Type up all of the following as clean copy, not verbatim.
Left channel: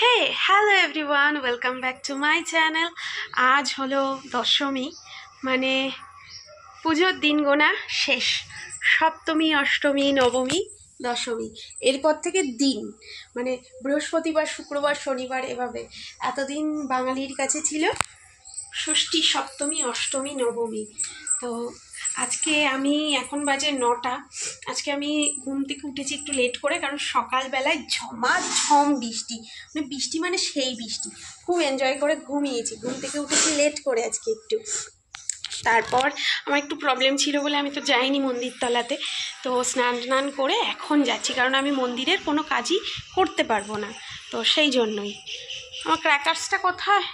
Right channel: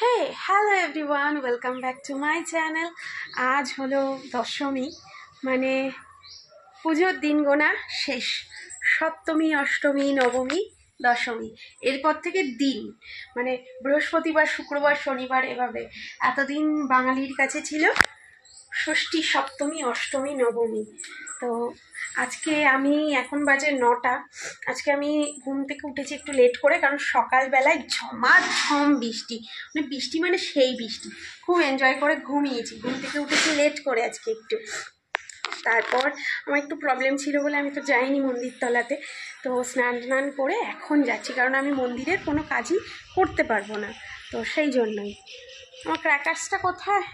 Hey hello everyone, welcome back to my channel. আজ হলো দশমী, মানে পুজোর দিন গোনা শেষ। সপ্তমী, অষ্টমী, নবমী, দশমী, এরপর থেকে দিন মানে বৃহস্পতিবার, শুক্রবার, শনিবার, এভাবে এতদিন বাঙালির কাছে ছিল ষষ্ঠী, সপ্তমী, অষ্টমী, নবমী। তো আজকে আমি এখন বাজে 9টা। আজকে আমি ঘুম থেকে উঠেছি একটু লেট করে, কারণ সকালবেলায় ঝমাঝম বৃষ্টি, মানে বৃষ্টি মানে সেই বৃষ্টি। খুব এনজয় করে ঘুমিয়েছি, ঘুম থেকে উঠেছি লেট করে আজকে একটু। তারপর আমার একটু প্রবলেম ছিল বলে আমি তো যাইনি মন্দির তলাতে। তো স্নান করে এখন যাচ্ছি, কারণ আমি মন্দিরের কোনো কাজই করতে পারবো না, তো সেই জন্যই। আমার ক্র্যাকার্সটা কোথায়?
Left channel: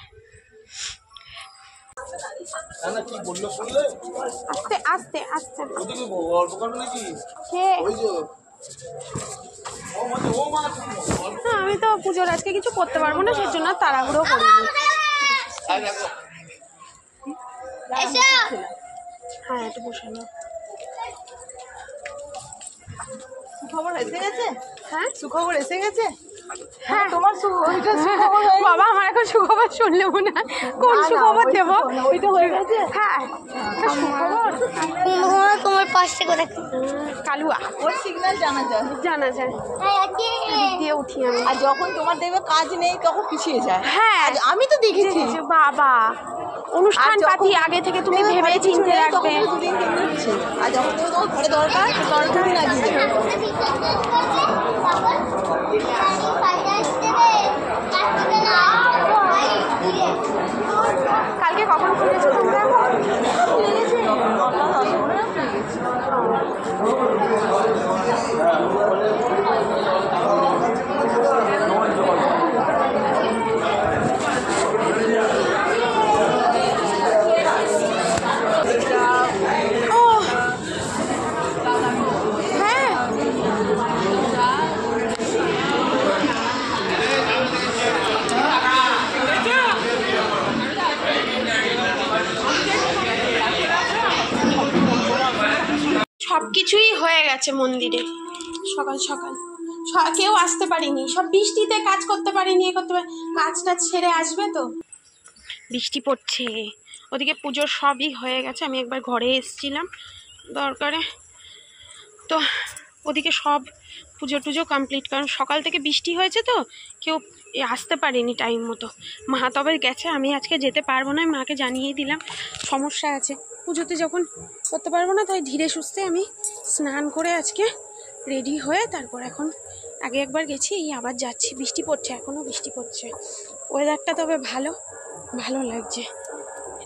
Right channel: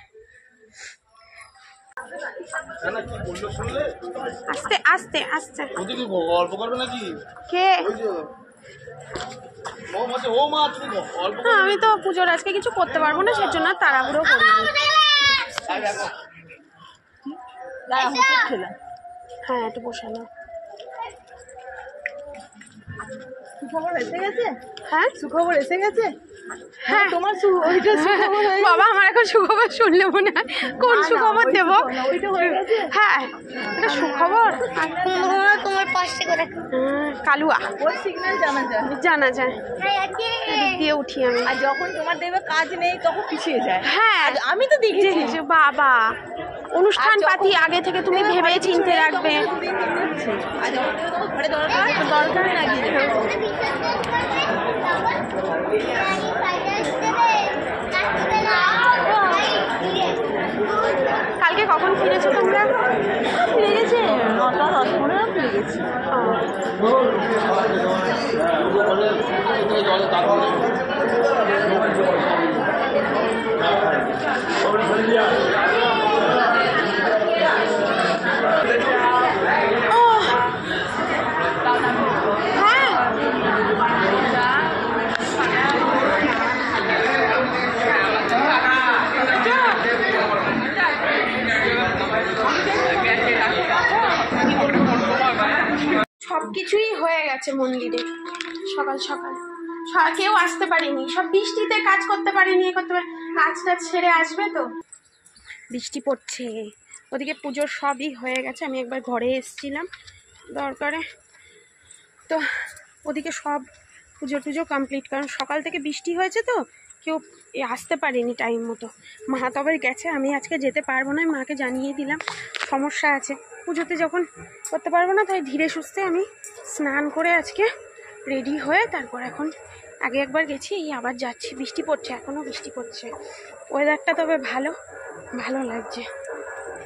আস্তে আস্তে আস্তে। কে? আমি তো পুজোর আজকে কিছু করতে পারবো না, সেজন্য তাড়াহুড়ো করিনি। হ্যাঁ, একটু বসে নাও। সুখবর এসে গেছে? হ্যাঁ, সুখবর এসে গেছে। হ্যাঁ তোমার বাবা, আমার এখন সুখবর শুনলে মনে হয় কোন সুখবর দেবো। ওইটা হয়ে গেছে। হ্যাঁ, সুখবর তোমার পাশে করে কালুয়া ওর সিগন্যাল জানা যায়। এদিক দিয়ে উঠি আমি। আর যখন তোমার দেখবে কাজ নেই তখন পিছিয়ে যায়। হ্যাঁ, আমি তো দেখেছি। যে বাবা অনুষ্ঠান পাতি আগে থেকে তুমি ভেবে চিনতে রাখবে। আর যখন দেখবে তোমার ঘরে দরকার না কিছু। কালকে কখন ফিরেছো তোমরা? সব কিছুই হয়ে গেছে মন্দিরে। সকাল সকাল কেউ আসতে পারিনি, সব বৃষ্টিতে কাজ করতে পারিনি, কাজটা ছেড়ে আসবে তো। বৃষ্টি পড়ছে, ওদিকে পুজোর সবই হয়ে গেছে। আমি একবার ঘরে এসেছিলাম দরকারে, তো ওদিকে সব পুজো টুজো কমপ্লিট, কারণ সকাল থেকে বৃষ্টি হয়েছে তো কেউ আসতে পারেনি টাইম মতো। মা তবে গেছে, আমি আজকে যেতে পারবো না, মাকে জানিয়ে দিলাম সমস্যা আছে পুজোতে, যখন করতে পারবো না তাই ধীরে সুস্থে আমি স্নান করে আজকে রেডি হয়ে তারপর এখন আগে একবার গেছি, আবার যাচ্ছি। বৃষ্টি পড়ছে, এখনও বৃষ্টি পড়ছে। ওয়েদারটা তবে ভালো লাগছে।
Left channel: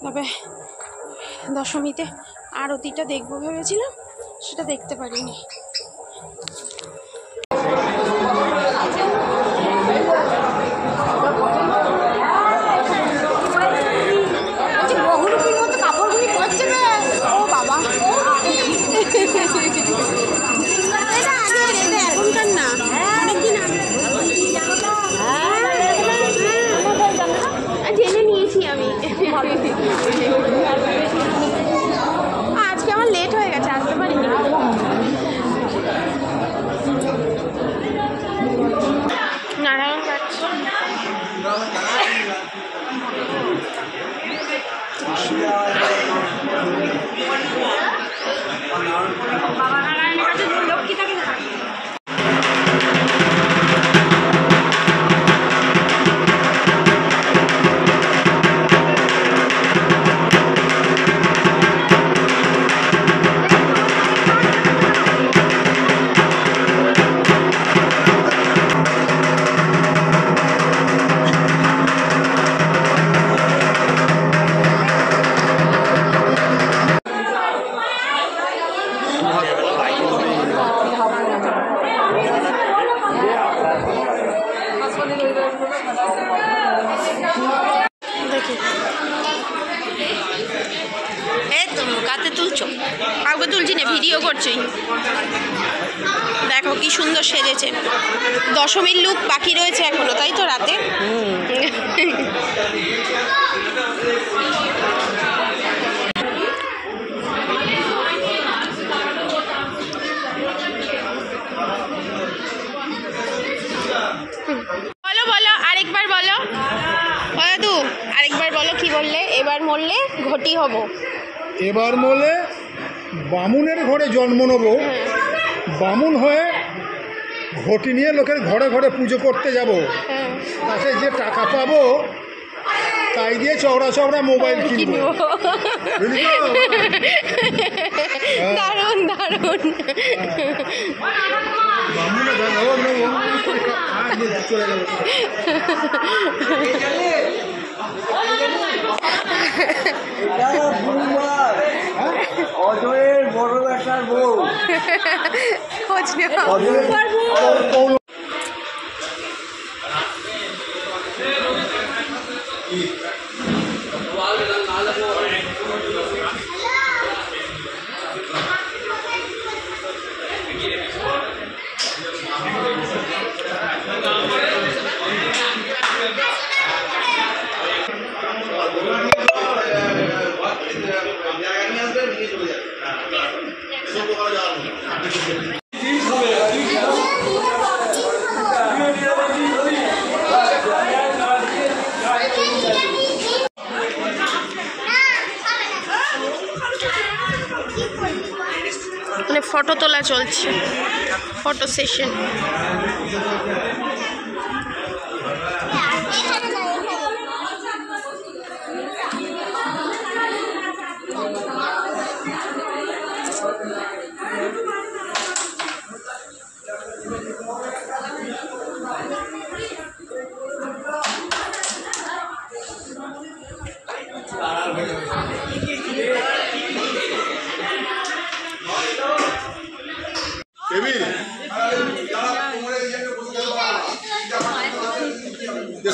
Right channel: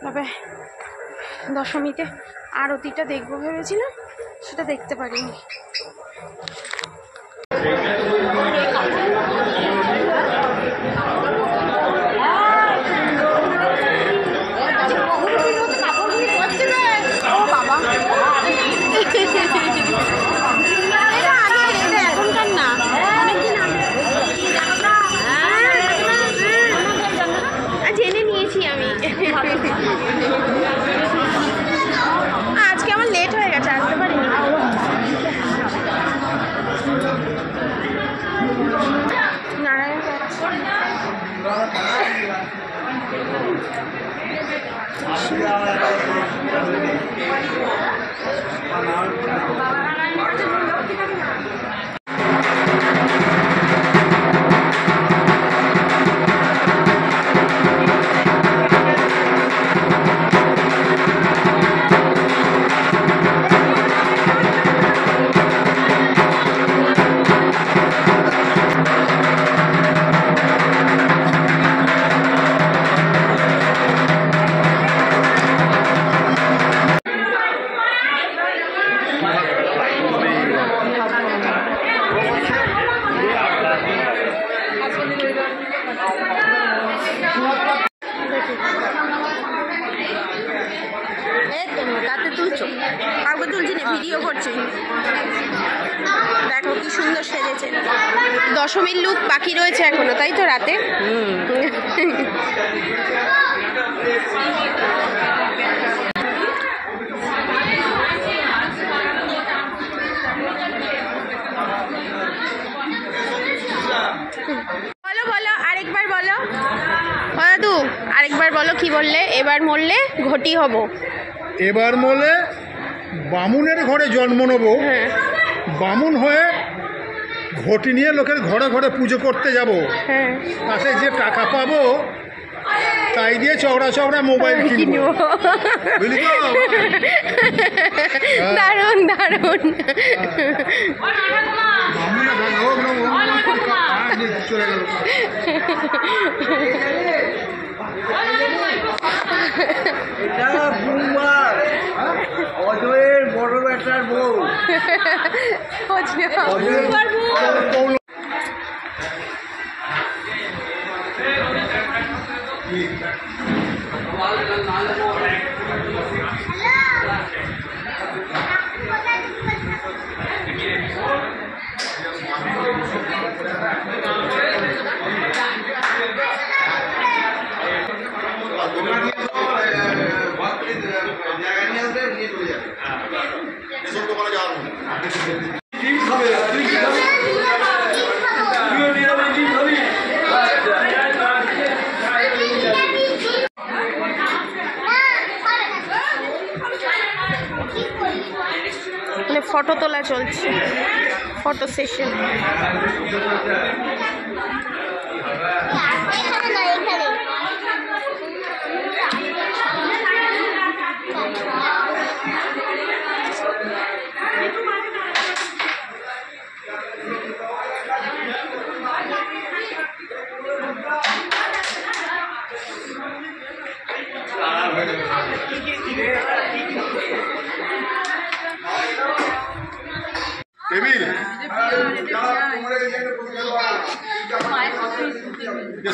তবে দশমীতে আরতিটা দেখবো ভেবেছিলাম, সেটা দেখতে পারিনি। এখনকার না, জেনে নিয়েছি আমি। আজকে আমার লেট হয়ে গেছে, আসতে পারি না। নারায়ণ যাচ্ছে। কাতে তুলছো? কাউকে তুলছি না, ভিডিও করছি। দেখো কি সুন্দর সেজেছে। দশমীর লুক বাকি রয়েছে এখনো, তাই তো? রাতে মরলে এবার মরলে ঘটি হব। এবার মরলে বামুনের ঘরে জন্ম নেব, বামুন হয়ে ঘটি নিয়ে লোকের ঘরে ঘরে পুজো করতে যাব। হ্যাঁ, তাতে যে টাকা পাবো তাই দিয়ে চওড়া চওড়া মোবাইল কিনবো, বুঝলি তো? দারুণ দারুণ। চলে গেল। অজয়ের বড় বেটার বউ। খোঁজ নেওয়া। মানে ফটো তোলা চলছে, ফটো সেশন।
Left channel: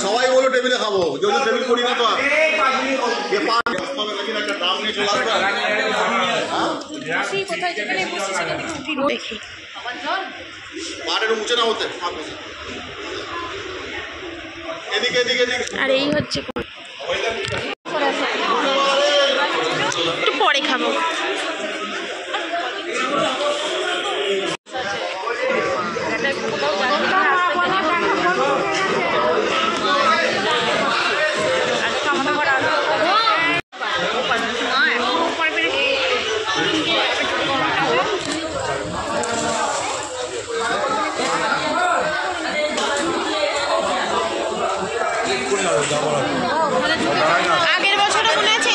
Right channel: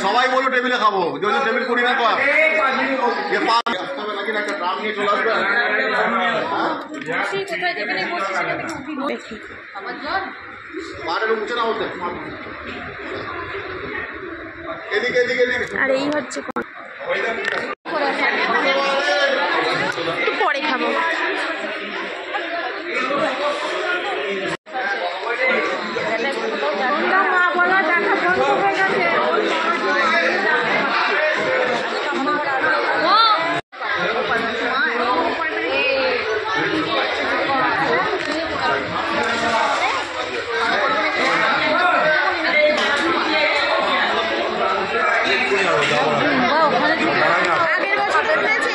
সবাই বলো টেবিলে খাবো, যদি টেবিল করি না তো দেখি উঠে না হতে। এদিকে এদিকে আর এই হচ্ছে একটু পরে খাবো। আগের বছরও মনে আছে